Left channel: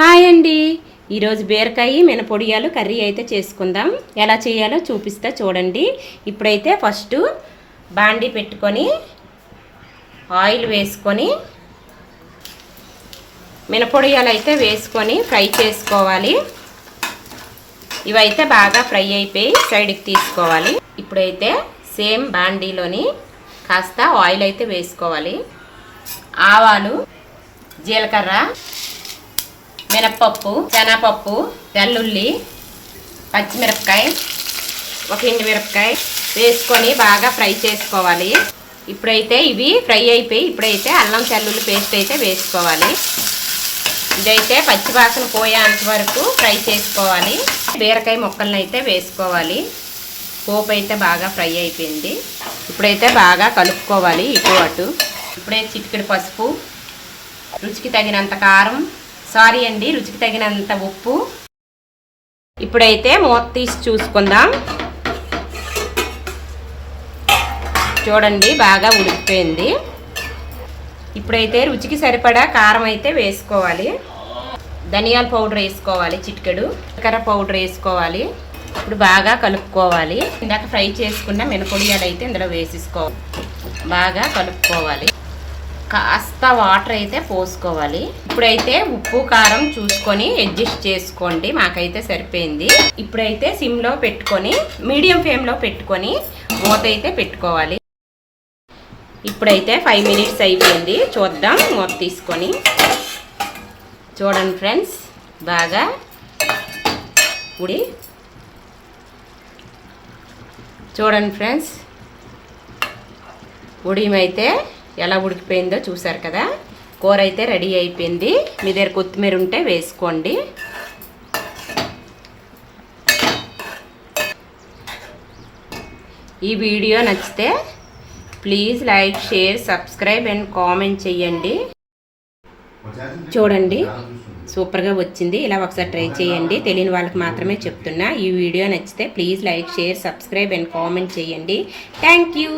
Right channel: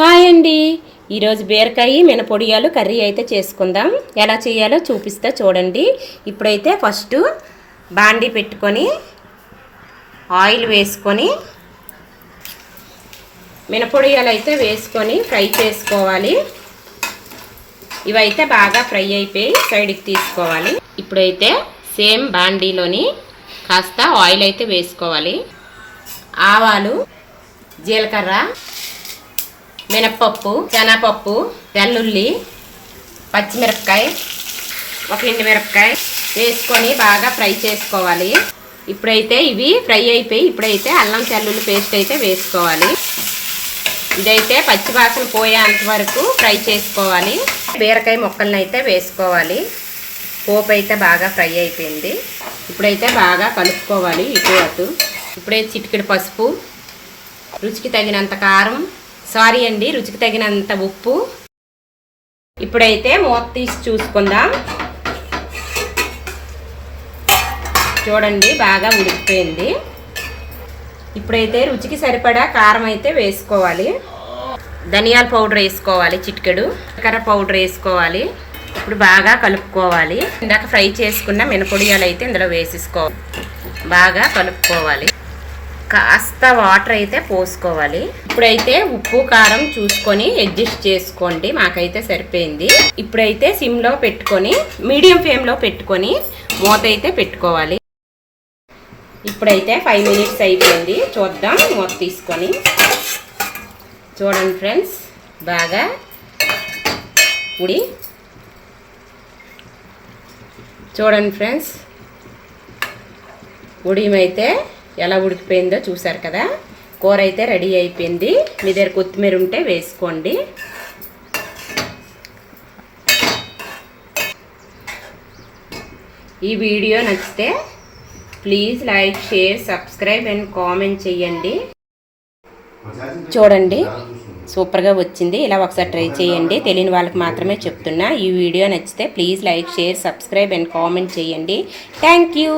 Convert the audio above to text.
Hi అండి, ఈరోజు బీరకాయ మినపొడియాలు కర్రీ అయితే చేసుకుందాం. ఎలా చేయాలో చూపిస్తా చూడండి. ఇప్పుడైతే ఫస్ట్ బాండీ పెట్టుకొని ఆయిల్ వేసుకొని మినపొడియాలు అయితే వేసుకొని ఫ్రై చేసుకోవాలి. ఇవైతే బాగా ఫ్రై అయిపోయి సైడ్కి తీసుకోవాలి. ఇప్పుడైతే సేమ్ బాండీలోని కాస్త ఆయిల్ అయితే వేసుకోవాలి. ఆవాలు, జీలకర్ర, మినప్పప్పు, శనగపప్పు, వెల్లుల్లి, పచ్చిమిరపకాయ, ఒక ఎండుమిరపకాయ వేసుకొని బాగా ఫ్రై చేసుకోవాలి. ఇప్పుడైతే ఇవి ఫ్రై అయిపోయి ఇప్పుడైతే అల్లం వెల్లుల్లి పేస్ట్ అయితే వేసుకోవాలి. ఇదైతే పచ్చివాసన పోయేంత వరకు ఫ్రై చేసుకోవాలి. బీరకాయ ముక్కలను అయితే వేసుకోవాలి. పోపు అయితే బాగా ఫ్రై అయిపోయింది. ఇప్పుడైతే బాగా కలుపుకోవాలి ఇటు అటు. ఇప్పుడైతే చిటికెడు పసుపు, రుచికి తగినంత కారం, రుచికి తగినంత ఉప్పు. ఇప్పుడైతే మూత తీసి చూసుకుందాం. చూడండి బాగా ఉడికిపోయింది. ఇప్పుడైతే రుచికి సరిపడా కారం అయితే వేసుకోవాలి. ధనియాల పౌడర్ వేసుకోవాలి, చిటికెడు జీలకర్ర పౌడర్ వేసుకోవాలి. ఇప్పుడు బాగా కలుపుకోవాలి. ఇందాక ఫ్రై చేసుకున్న మినపొడియాలు అయితే ఇందులో వేసేసుకోవాలి. బాగా కలుపుకోవాలి. కాస్త వాటర్ అయితే పోసుకోవాలి. ఇప్పుడైతే ఉప్పు కారం చూసుకొని అడ్జస్ట్ చేసుకోండి. మాకైతే సరిపోయింది. ఇప్పుడైతే సిమ్లో పెట్టుకొని మీడియం ఫ్లేమ్లో పెట్టుకొని మూత అయితే పెట్టుకోవాలి. ఇప్పుడైతే 5 మినిట్స్ అయిపోయింది. చూద్దాం మూత తీసుకొని. చూడండి ఫ్రెండ్స్, బాగా చూడండి ఫ్రెండ్స్, ఉడిమైతే ఎలా ఉడికిపోయిందో చూసారు కదా. కూర అయితే రెడీ అయిపోయింది. మీ దగ్గర కొత్తిమీర ఉంటే వేసుకోండి. ఈ వీడియో నచ్చితే please like, share, subscribe and comment చేయండి. చూడండి సూపర్గా వచ్చింది. ఇలా ఒకసారి ట్రై చేయండి. తెలియని వాళ్ళకి మాత్రమే చెప్తున్నా. ఈ వీడియో నచ్చితే please like, share, subscribe and comment చేయండి. Thank you.